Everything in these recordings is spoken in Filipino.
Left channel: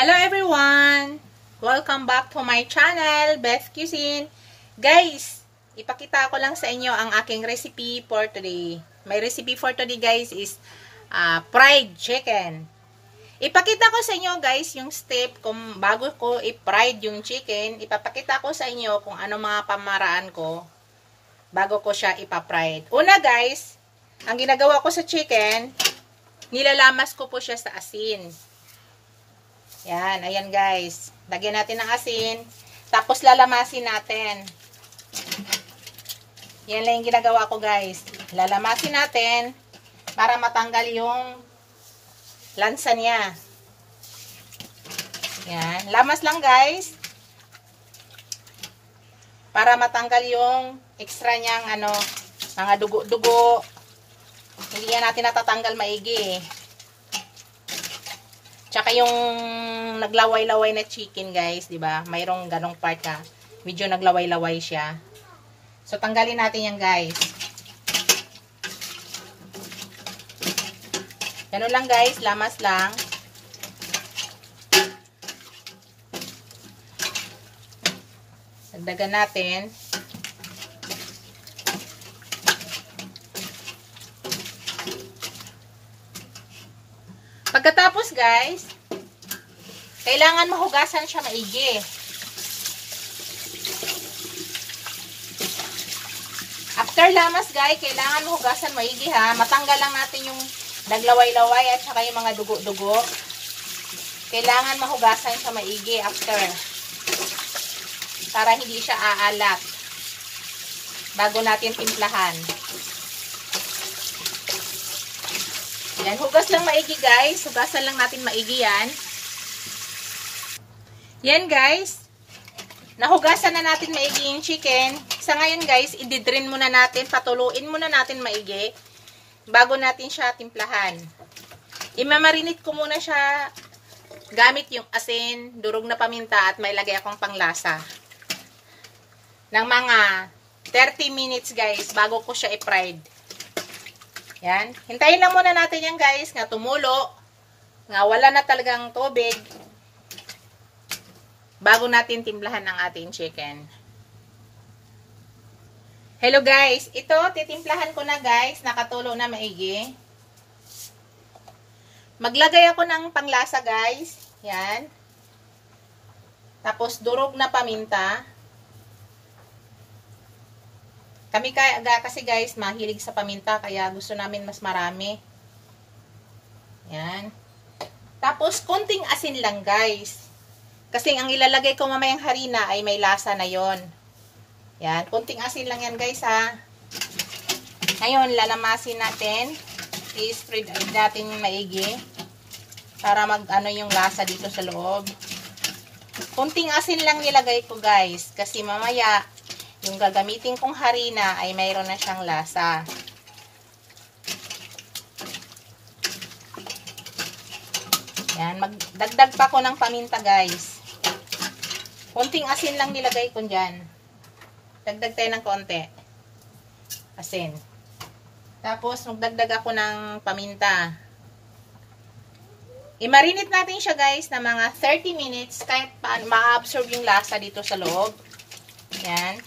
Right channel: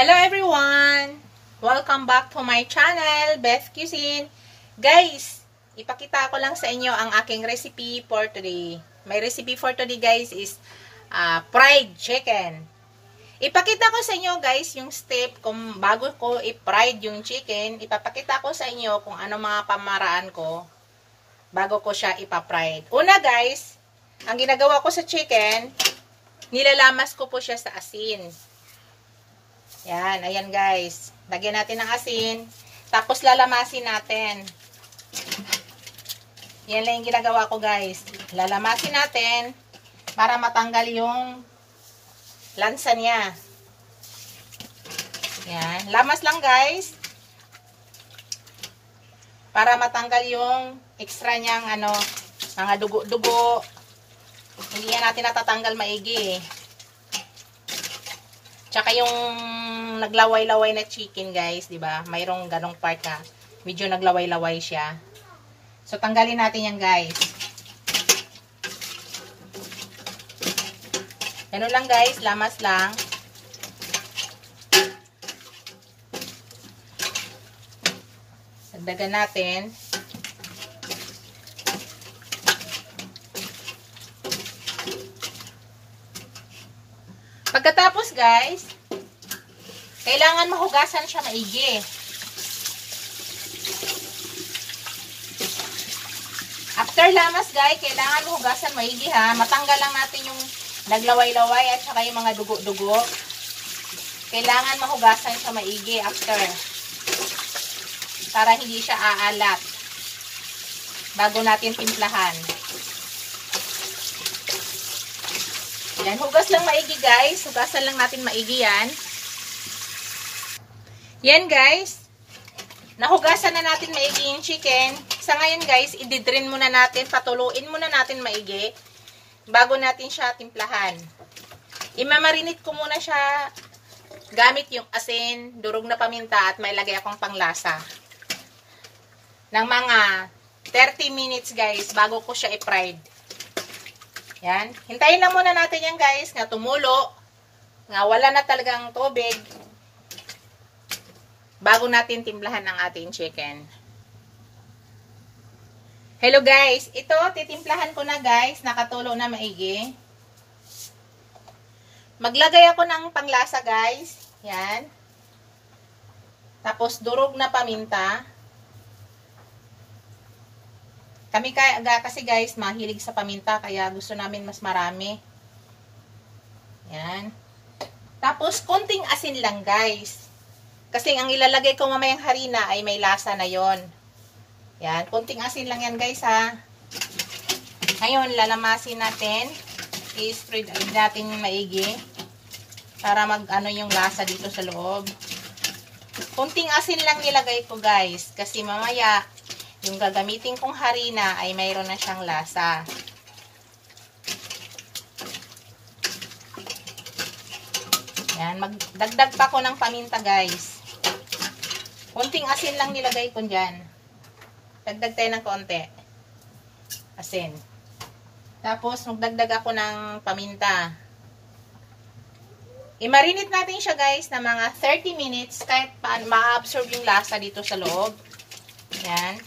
Hello everyone! Welcome back to my channel, Beth Cuisine. Guys, ipakita ko lang sa inyo ang aking recipe for today. My recipe for today guys is fried chicken. Ipakita ko sa inyo guys yung step kung bago ko i-fried yung chicken. Ipapakita ko sa inyo kung ano mga pamaraan ko bago ko siya ipa-fried. Una guys, ang ginagawa ko sa chicken, nilalamas ko po siya sa asin. Yan, ayan guys. Lagyan natin ng asin. Tapos lalamasin natin. Yan lang yung ginagawa ko guys. Lalamasin natin para matanggal yung lansa niya. Yan. Lamas lang guys. Para matanggal yung extra niyang mga dugo-dugo. Hindi yan natin natatanggal maigi eh. Tsaka yung naglaway-laway na chicken guys, 'di ba? Mayroong ganong part ka. Medyo naglaway-laway siya. So tanggalin natin yan guys. Ganun lang guys, lamas lang. Dagdagan natin. Pagkatapos guys, kailangan mahugasan siya maigi. After lamas guys, kailangan mahugasan maigi ha. Matanggal lang natin yung naglaway-laway at saka yung mga dugo-dugo. Kailangan mahugasan siya maigi after. Para hindi siya aalat. Bago natin timplahan. Yan, hugas lang maigi guys. Hugasan lang natin maigi yan. Yan guys. Nahugasan na natin maigi yung chicken. Sa ngayon guys, i-drain muna natin, patuluin muna natin maigi bago natin siya timplahan. Imamarinate ko muna siya gamit yung asin, durog na paminta at may lagay akong panglasa. Ng mga 30 minutes guys bago ko siya i-fried. Yan. Hintayin lang muna natin yan guys nga tumulo. Nga wala na talagang tubig. Bago natin timplahan ng ating chicken. Hello guys. Ito, titimplahan ko na guys. Nakatulo na maigi. Maglagay ako ng panglasa guys. Yan. Tapos durog na paminta. Kami kasi guys, mahilig sa paminta, kaya gusto namin mas marami. Yan. Tapos, konting asin lang guys. Kasi ang ilalagay ko mamayang harina ay may lasa na yon. Yan. Konting asin lang yan guys ha. Ngayon, lalamasin natin. I-spread natin yung maigi. Para mag-ano yung lasa dito sa loob. Konting asin lang nilagay ko guys. Kasi mamaya, yung gagamitin kong harina ay mayroon na siyang lasa. Yan, magdagdag pa ko ng paminta guys. Konting asin lang nilagay ko dyan. Dagdag tayo ng konti. Asin. Tapos magdagdag ako ng paminta. I-marinate natin siya guys na mga 30 minutes kahit paano ma-absorb yung lasa dito sa loob. Yan.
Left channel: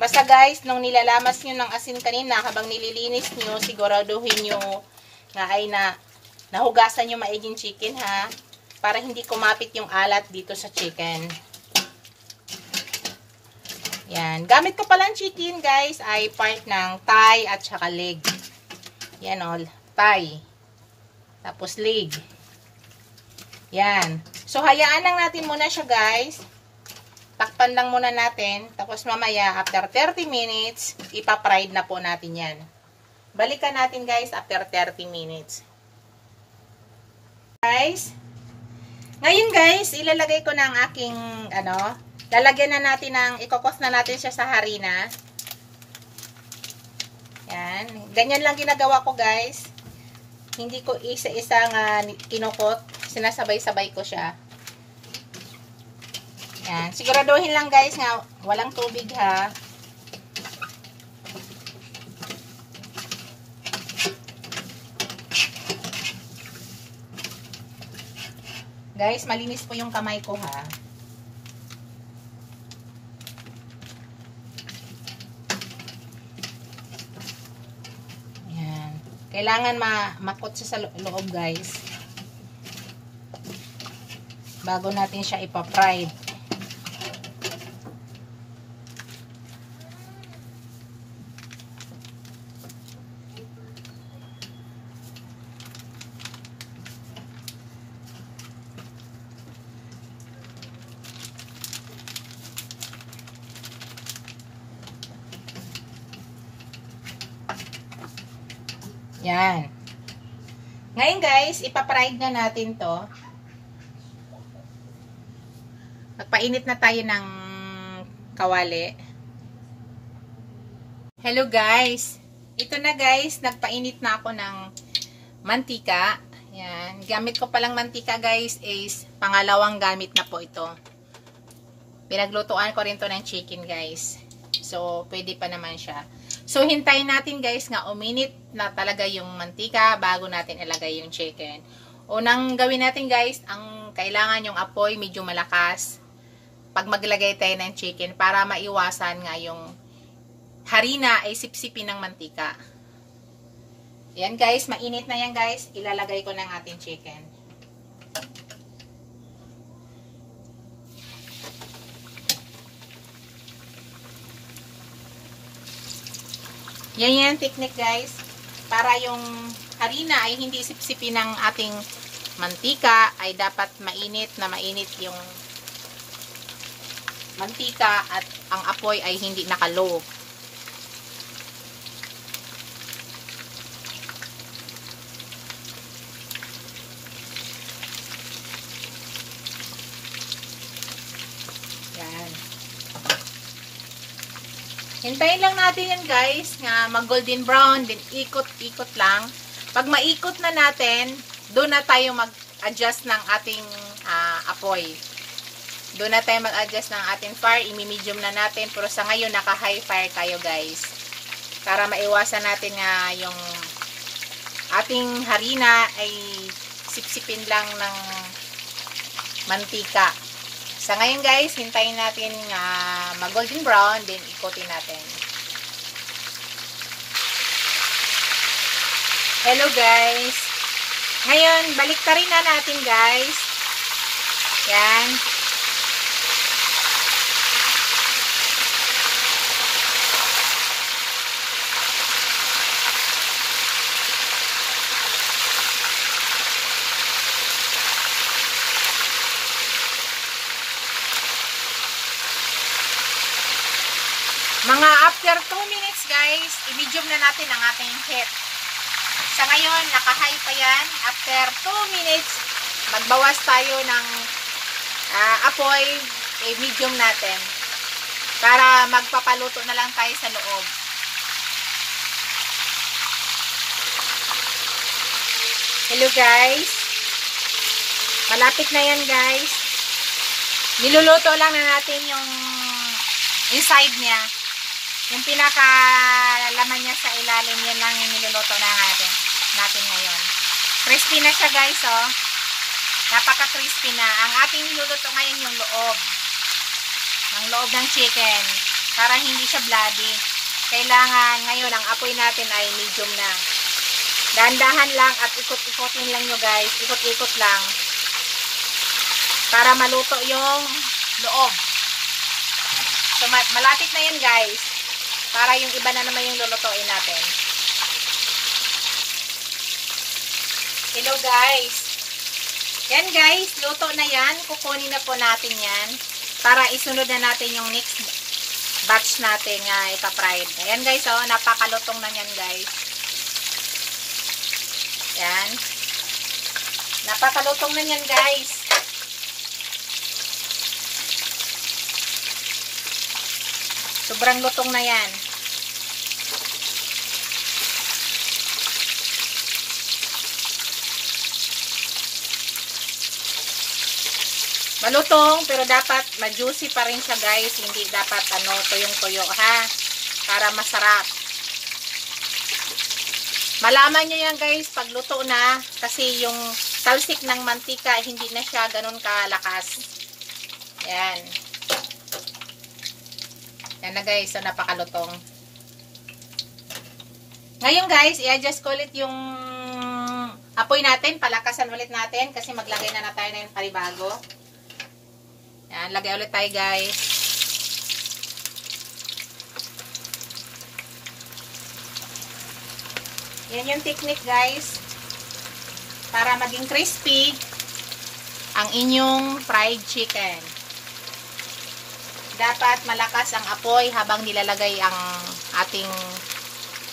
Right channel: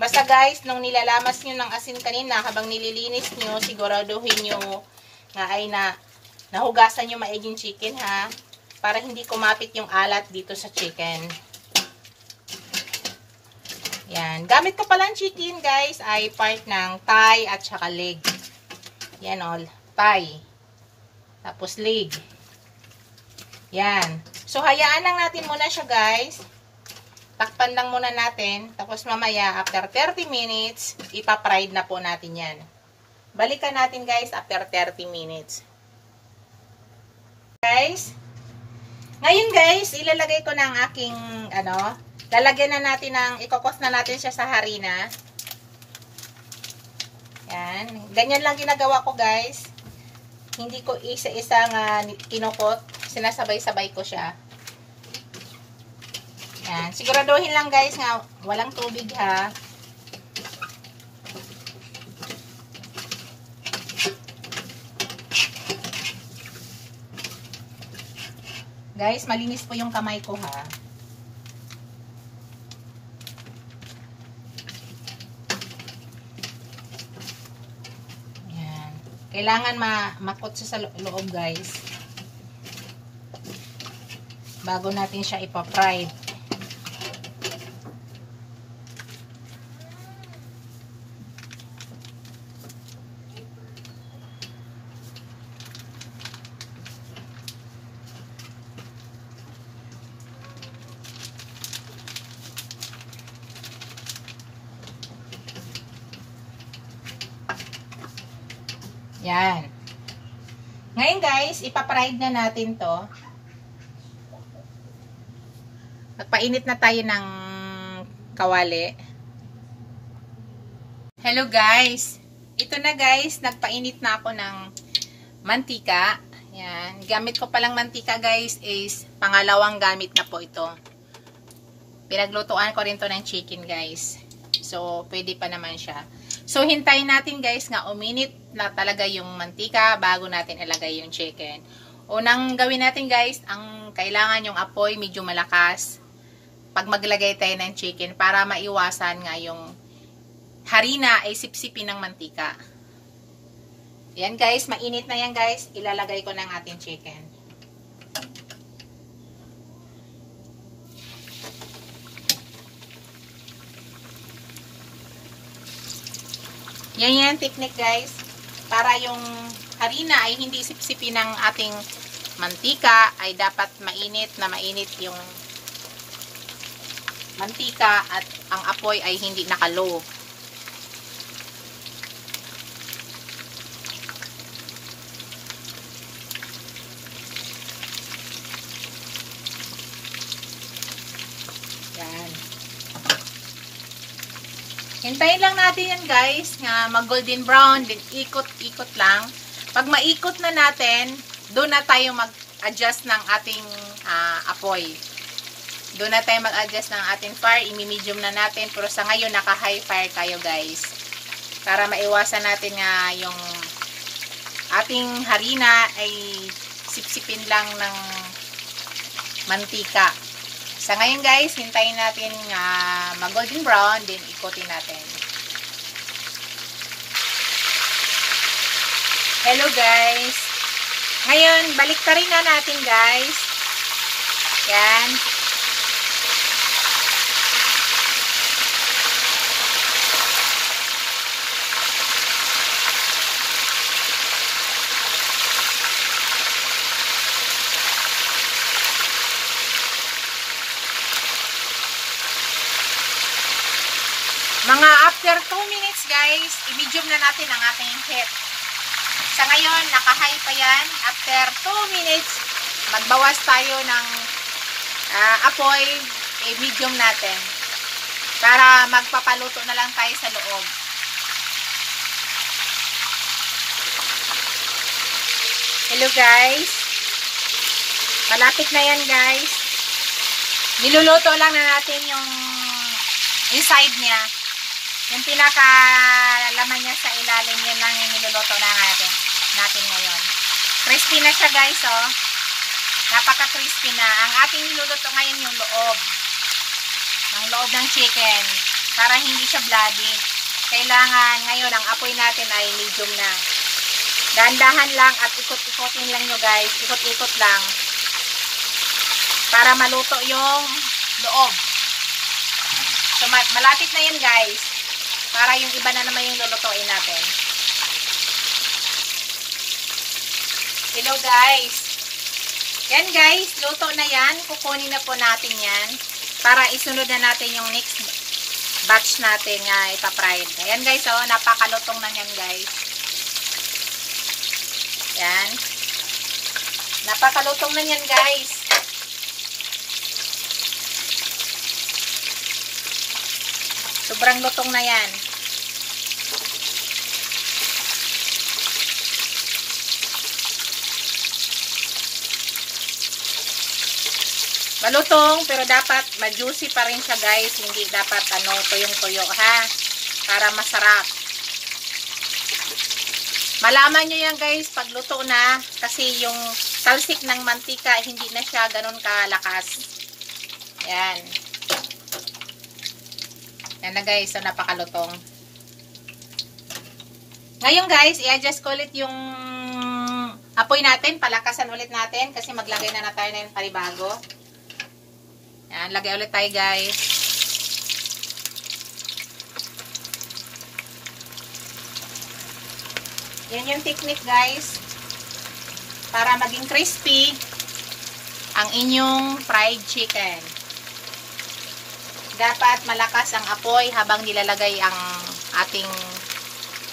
Basta guys, nung nilalamas nyo ng asin kanina, habang nililinis nyo, siguraduhin nyo na ay nahugasan nyo maiging chicken ha. Para hindi kumapit yung alat dito sa chicken. Yan. Gamit ko palang chicken guys ay part ng thigh at saka leg. Yan o. Thigh. Tapos leg. Yan. So hayaan lang natin muna siya guys. Takpan lang muna natin. Tapos mamaya, after 30 minutes, ipa-fried na po natin yan. Balikan natin guys after 30 minutes. Guys, ngayon guys, ilalagay ko na ang aking, lalagyan na natin ikokos na natin siya sa harina. Yan. Ganyan lang ginagawa ko guys. Hindi ko isa-isa nga kinukot. Sinasabay-sabay ko siya. Yan. Siguraduhin lang guys nga walang tubig ha. Guys, malinis po yung kamay ko ha. Yan. Kailangan makutsa sa loob guys. Bago natin siya ipa-fried. Yan. Ngayon guys, ipa-fried na natin to. Magpainit na tayo ng kawali. Hello guys. Ito na guys, nagpainit na ako ng mantika. Yan. Gamit ko palang mantika guys is pangalawang gamit na po ito. Pinaglutuan ko rin to ng chicken guys. So, pwede pa naman siya. So, hintayin natin guys nga uminit na talaga yung mantika bago natin ilagay yung chicken. Unang gawin natin guys, ang kailangan yung apoy medyo malakas pag maglagay tayo ng chicken para maiwasan nga yung harina ay sipsipin ng mantika. Yan guys, mainit na yan guys. Ilalagay ko ng ating chicken. Yan technique guys. Para yung harina ay hindi sipsipin ng ating mantika, ay dapat mainit yung mantika at ang apoy ay hindi nakalow. Yan. Hintayin lang natin yan guys, nga mag golden brown, din ikot-ikot lang. Pag maikot na natin, doon na tayo mag-adjust ng ating apoy. Doon na tayo mag-adjust ng ating fire, i-medium na natin. Pero sa ngayon, naka-high fire tayo guys. Para maiwasan natin nga yung ating harina ay sipsipin lang ng mantika. Sa ngayon guys, hintayin natin mag-golden brown, then ikotin natin. Hello guys! Ngayon, baliktarin na natin guys. Yan. Mga after 2 minutes guys, i-medium na natin ang ating heat. Sa ngayon, naka-high pa yan. After 2 minutes, magbawas tayo ng apoy, i-medium natin. Para magpapaluto na lang tayo sa loob. Hello guys. Malapit na yan guys. Niluluto lang na natin yung inside niya. Yung pinaka-laman niya sa ilalim, yan lang yung niluluto na natin ngayon. Crispy na siya guys, oh. Napaka-crispy na. Ang ating niluluto ngayon yung loob. Ang loob ng chicken. Para hindi siya bloody. Kailangan ngayon, ang apoy natin ay medium na. Dahan-dahan lang at ikot-ikotin lang nyo guys. Ikot-ikot lang. Para maluto yung loob. So, malapit na yan guys. Para yung iba na naman yung lulutuin natin. Hello guys. Yan guys, luto na yan. Kukunin na po natin yan. Para isunod na natin yung next batch natin nga ipa-fried. Ayan guys, oh, napakalutong na yan guys. Yan. Napakalutong na yan guys. Sobrang lutong na yan. Malutong, pero dapat ma-juicy pa rin siya guys. Hindi dapat tuyong-tuyo ha. Para masarap. Malaman nyo yan guys pag luto na. Kasi yung talsik ng mantika, hindi na siya ganun kalakas. Yan. Yan na guys, so napakalutong. Ngayon guys, i-adjust ko ulit yung apoy natin, palakasan ulit natin kasi maglagay na tayo ng panibago. Yan, lagay ulit tayo guys. Yan yung technique guys para maging crispy ang inyong fried chicken. Dapat malakas ang apoy habang nilalagay ang ating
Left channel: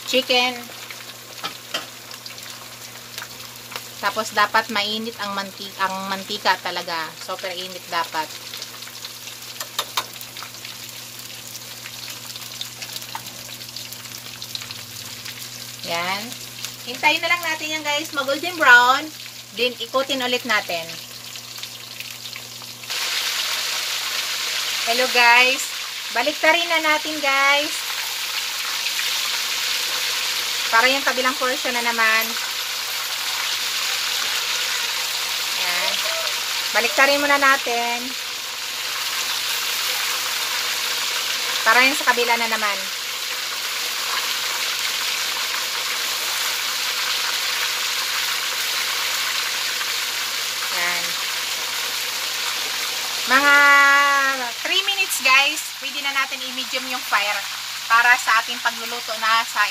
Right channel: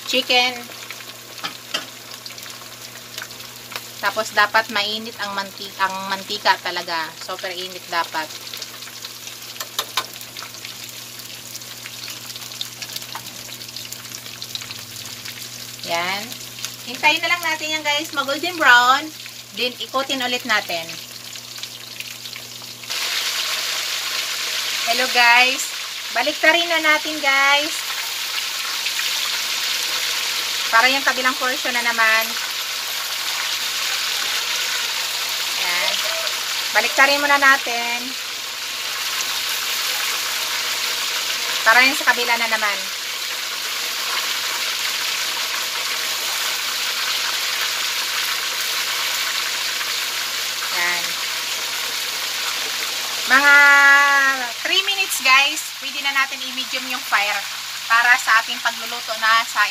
chicken. Tapos dapat mainit ang mantika talaga. Super init dapat. Yan. Hintayin na lang natin yan guys, mag-golden brown. Then ikutin ulit natin. Hello guys. Baliktarin na natin guys. Para yung kabilang portion na naman. Yan. Baliktarin muna natin. Para yung sa kabila na naman. Yan. Mga 3 minutes guys, pwede na natin i-medium yung fire para sa ating pagluluto na sa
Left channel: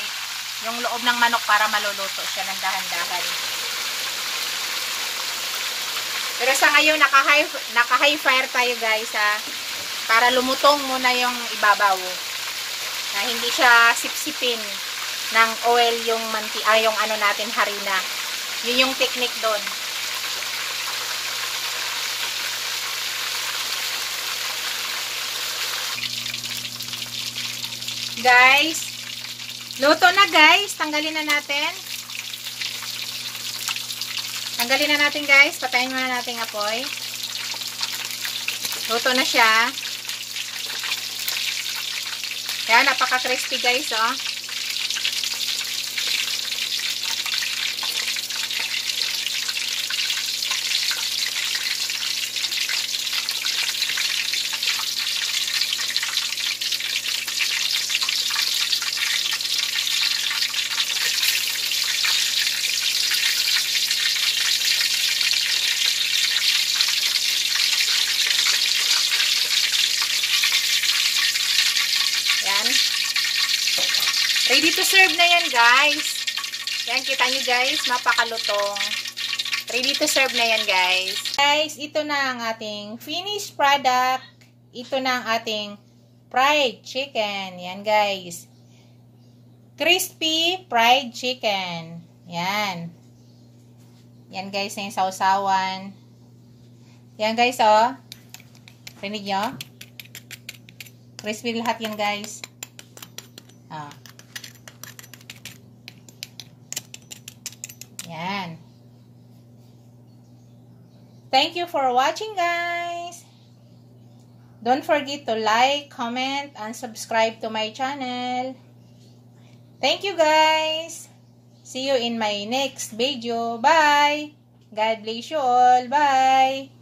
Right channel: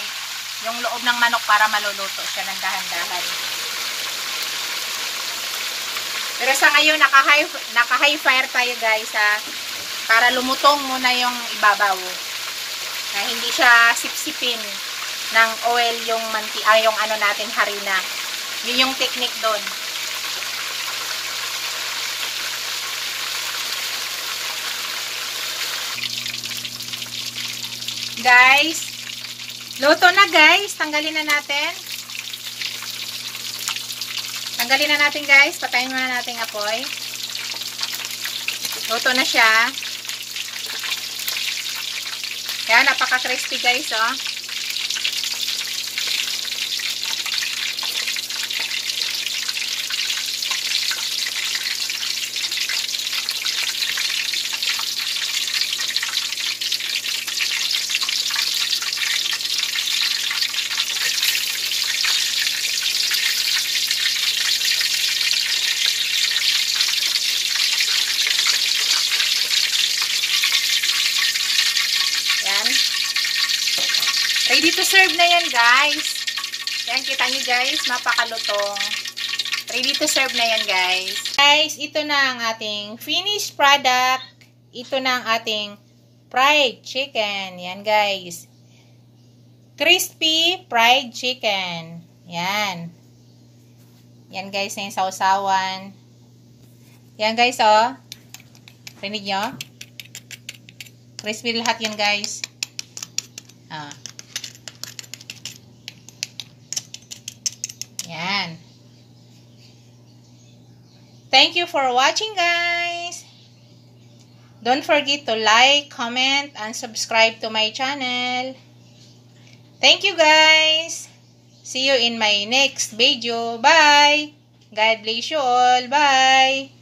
yung loob ng manok para maluluto siya ng dahan-dahan. Pero sa ngayon, naka-high fire tayo guys para lumutong muna yung ibabaw. Na hindi siya sipsipin ng oil yung yung ano natin harina. Yun yung technique doon. Guys, luto na guys. Tanggalin na natin. Tanggalin na natin guys. Patayin muna natin apoy. Luto na siya. Kaya napaka-crispy guys, oh. Yan. Ready to serve na yan, guys. Yan, kita nyo, guys. Mapakalutong. Ready to serve na yan, guys. Guys, ito na ang ating finished product. Ito na ang ating fried chicken. Yan, guys. Crispy fried chicken. Yan. Yan, guys, na yung sausawan. Yan, guys, oh. Rinig nyo? Crispy lahat yan guys. Yan. Thank you for watching guys. Don't forget to like, comment, and subscribe to my channel. Thank you guys. See you in my next video. Bye. God bless you all. Bye.